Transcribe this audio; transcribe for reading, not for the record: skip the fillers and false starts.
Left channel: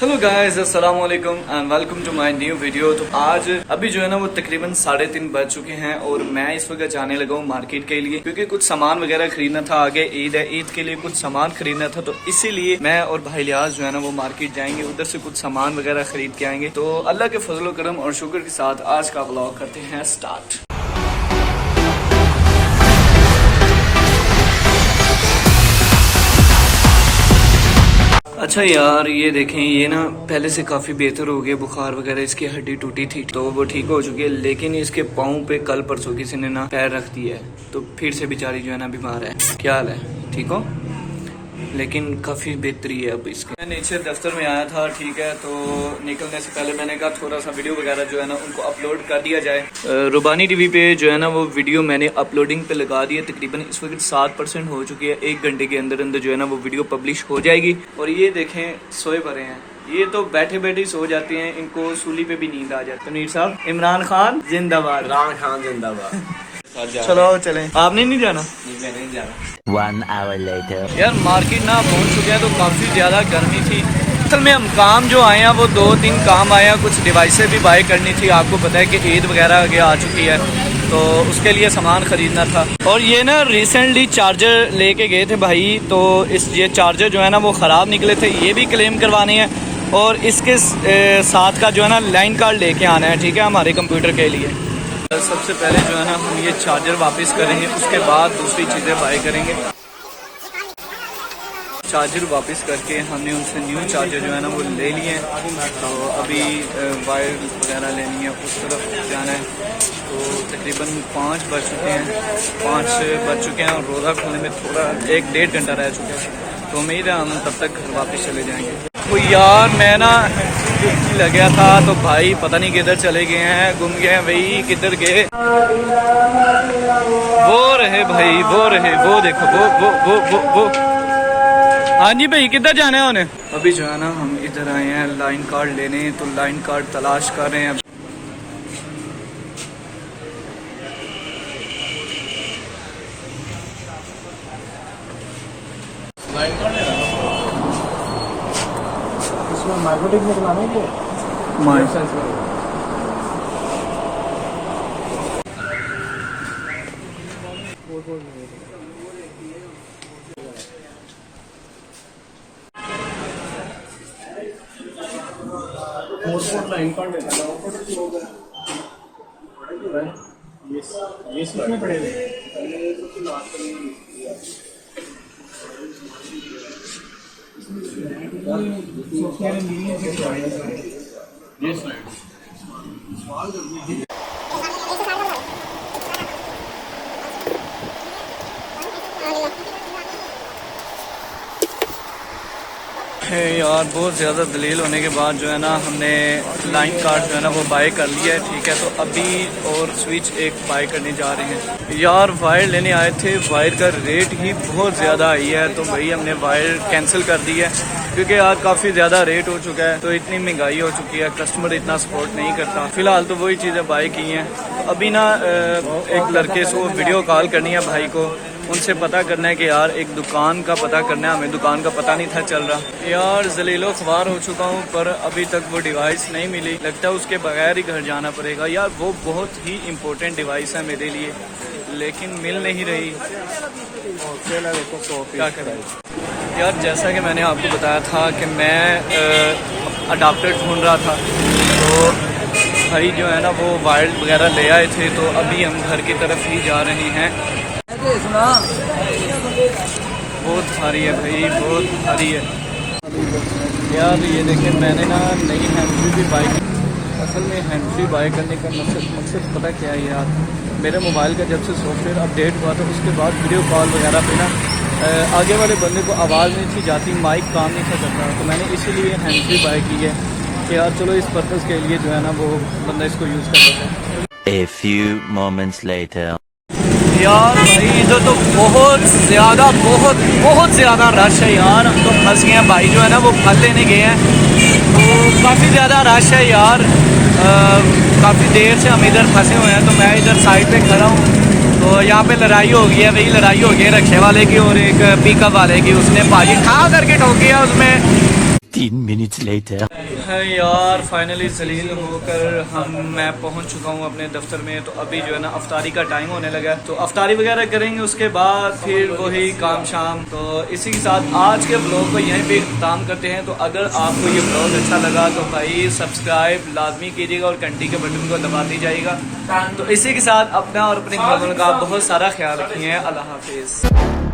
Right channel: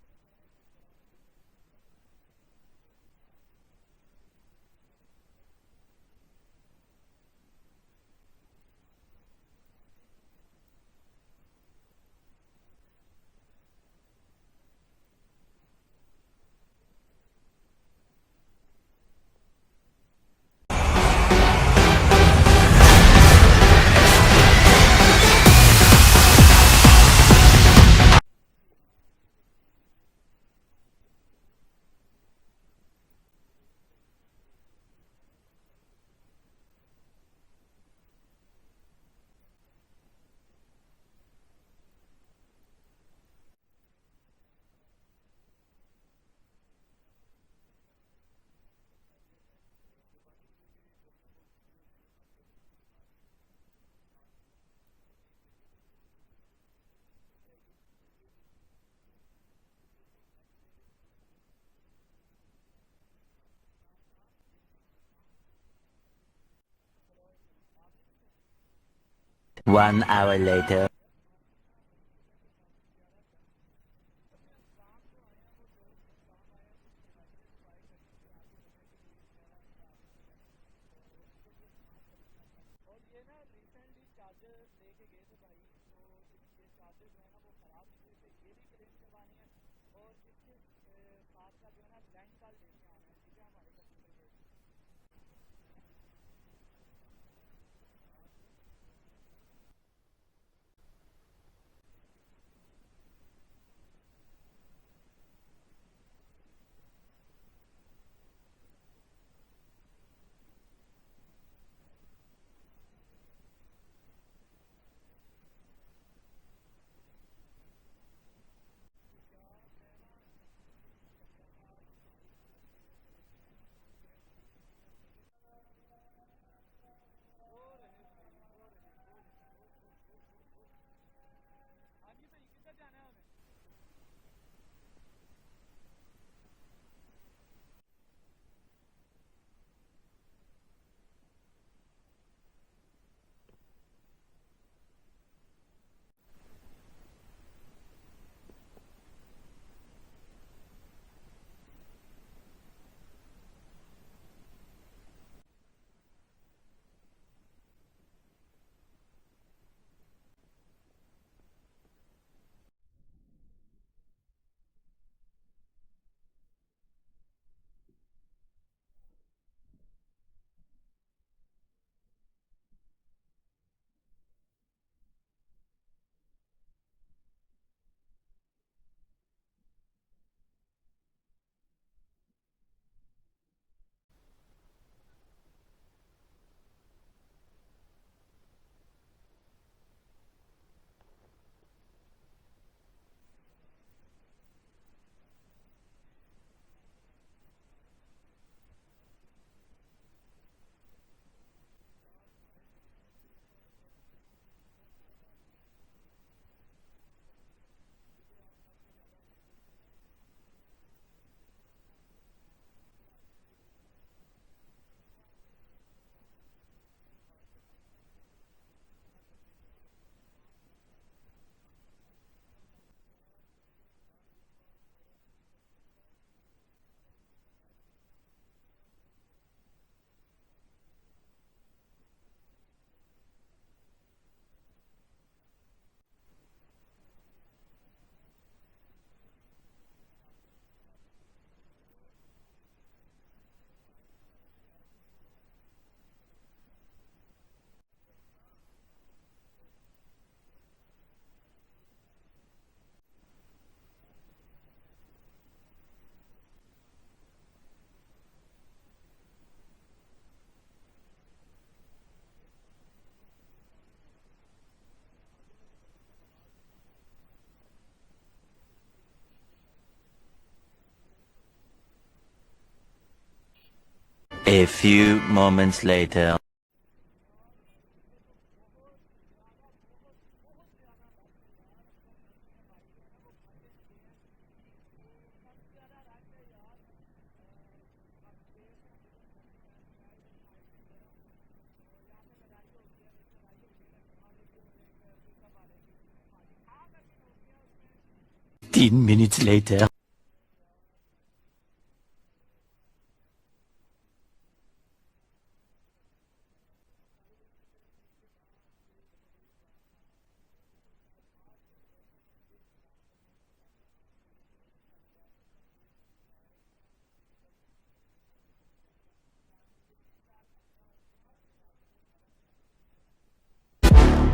Hello guys, अस्सलाम वालेकुम and welcome to my new video. तो आज अभी जो है ना वो तकरीबन 3:30 बज चुके हैं और मैं इस वक्त जाने लगा हूँ मार्केट के लिए, क्योंकि कुछ सामान वगैरह खरीदना था। आगे ईद है, ईद के लिए कुछ सामान खरीदना था, तो इसीलिए मैं और भाई लियाज जो है ना वो मार्केट जाएंगे, उधर से कुछ सामान वगैरह खरीद के आएंगे। तो अल्लाह के फजल करम और शुक्र के साथ आज का व्लॉग करते हैं स्टार्ट। अच्छा यार, ये देखें, ये ना पहले से काफ़ी बेहतर हो गया। बुखार वगैरह, इसकी हड्डी टूटी थी तो वो ठीक हो चुकी है, लेकिन इसके पाँव पे कल परसों किसी ने ना पैर रख दिया है, तो फिर से बेचारी जो है ना बीमार है। क्या हाल है? ठीक हो? लेकिन काफ़ी बेहतरी है अब इसकी। मैं नीचे दफ्तर में आया था, ठीक है, तो निकलने से पहले मैंने कहा थोड़ा सा वीडियो वगैरह जो है ना उनको अपलोड कर दिया जाए। रुबानी टीवी पे जो है ना वो वीडियो मैंने अपलोडिंग पे लगा दी है। तकरीबन इस वक्त 7% हो चुकी है। 1 घंटे के अंदर अंदर जो है ना वो वीडियो पब्लिश हो जाएगी। और ये देखें, सोए पड़े हैं, ये तो बैठे बैठे सो जाते हैं, इनको सूली पे भी नींद आ जाती है। नीर साहब, इमरान खान जिंदाबाद। इमरान खान जिंदाबाद। चलो चलें। आपने नहीं जाना? नहीं जाना। 1 hour later. यार मार्केट ना पहुंच चुके हैं, तो काफ़ी ज़्यादा गर्मी थी। असल में हम काम जो आए हैं वो 2-3 काम आए हैं। कुछ डिवाइसें भी बाय करनी थी। आपको पता है कि ईद वगैरह आगे आ चुकी है, तो उसके लिए सामान ख़रीदना था। और ये ना रिसेंटली चार्जर लेके गए थे भाई, तो ये चार्जर जो है ना वो ख़राब निकले थे, ये भी क्लेम करवाने हैं। और इसके साथ का जो है ना लाइन कार्ड लेके आना है, ठीक है, हमारे कंप्यूटर के लिए। सबसे पहले जो है ना हम ये चार्जर वापस करेंगे, उसके बाद दूसरी चीज़ें बाय करेंगे। चार्जर वापस करके हमने उनसे न्यू चार्जर जो है ना वो ले लिए हैं। तो अभी वायर वगैरह लेनी है, उस तरफ जाना है। तो तकरीबन 5 बज चुके हैं, 5 बज चुके हैं और रोज़ा खोलने में थोड़ा 1-1.5 घंटा रह चुका है। तो उम्मीद है हम तब तक घर वापस चले जाएंगे। तो यार मैं ना लग गया था, तो भाई पता नहीं किधर चले गए हैं, गुम गए हैं भाई, किधर गए। वो रहे भाई, वो रहे, वो देखो, वो। हाँ जी भाई, किधर जाना है उन्हें? अभी जो है ना हम इधर आए हैं लाइन कार्ड लेने, तो लाइन कार्ड तलाश कर रहे हैं। मार्केटिंग में बनाना है लाइन कार्ड ये इसमें पड़ेगा। यार बहुत ज़्यादा दलील होने के बाद जो है ना हमने लाइन कार्ड जो है ना वो बाय कर लिया है, ठीक है। तो अभी और स्विच एक बाय करने जा रहे हैं। यार वायर लेने आए थे, वायर का रेट ही बहुत ज़्यादा आई है, तो भाई हमने वायर कैंसिल कर दी है, क्योंकि यार काफ़ी ज़्यादा रेट हो चुका है। तो इतनी महंगाई हो चुकी है, कस्टमर इतना सपोर्ट नहीं करता। फ़िलहाल तो वही चीज़ें बाय की हैं। तो अभी ना एक लड़के से वीडियो कॉल करनी है भाई को, उनसे पता करना है कि यार एक दुकान का पता करना है हमें। दुकान का पता नहीं था चल रहा। यार जलीलो ख्वार हो चुका हूँ, पर अभी तक वो डिवाइस नहीं मिली। लगता है उसके बगैर ही घर जाना पड़ेगा। यार वो बहुत ही इम्पोर्टेंट डिवाइस है मेरे लिए, लेकिन मिल नहीं रही। क्या करें यार, जैसा कि मैंने आपको बताया था कि मैं अडाप्टर ढूंढ रहा था, तो भाई जो है ना वो वायर वगैरह ले आए थे। तो अभी हम घर की तरफ ही जा रहे हैं। बहुत भारी है भाई, बहुत भारी है यार। ये देखें, मैंने ना नई हैंड भी बाय की। असल में हैंड फ्री बाय करने का मकसद पता क्या है यार, मेरे मोबाइल का जब से सॉफ्टवेयर अपडेट हुआ था उसके बाद वीडियो कॉल वगैरह पे ना आगे वाले बंदे को आवाज़ नहीं थी जाती, माइक काम नहीं था करता। तो मैंने इसीलिए हैंड फ्री बाय की है कि यार चलो इस पर्पज़ के लिए जो है ना वो बंदा इसको यूज़ कर सकता है। A few moments later. यार भाई इधर तो बहुत ज़्यादा रश है यार। हम तो फंस गए हैं। भाई जो है ना वो फल लेने गए हैं, तो काफ़ी ज़्यादा रश है यार। काफ़ी देर से हम इधर फंसे हुए हैं, तो मैं इधर साइड पे खड़ा हूँ। तो यहाँ पे लड़ाई हो गई है, वही लड़ाई हो गई है रक्शे वाले की और एक पिकअप वाले की। उसने भाई खा करके ठोक दिया उसमें। 10 minutes later. है यार फाइनली जलील होकर मैं पहुंच चुका हूं अपने दफ्तर में। तो अभी जो है ना अफ्तारी का टाइम होने लगा है, तो अफ्तारी वगैरह करेंगे, उसके बाद फिर वही काम शाम। तो इसी के साथ आज के ब्लॉग को यहीं पे इख्तिताम करते हैं। तो अगर आपको ये ब्लॉग अच्छा लगा तो भाई सब्सक्राइब लाजमी कीजिएगा और घंटी के बटन को दबा दीजिएगा। तो इसी के साथ अपना और अपने घरवालों का बहुत सारा ख्याल रखिए। अल्लाह हाफिज़।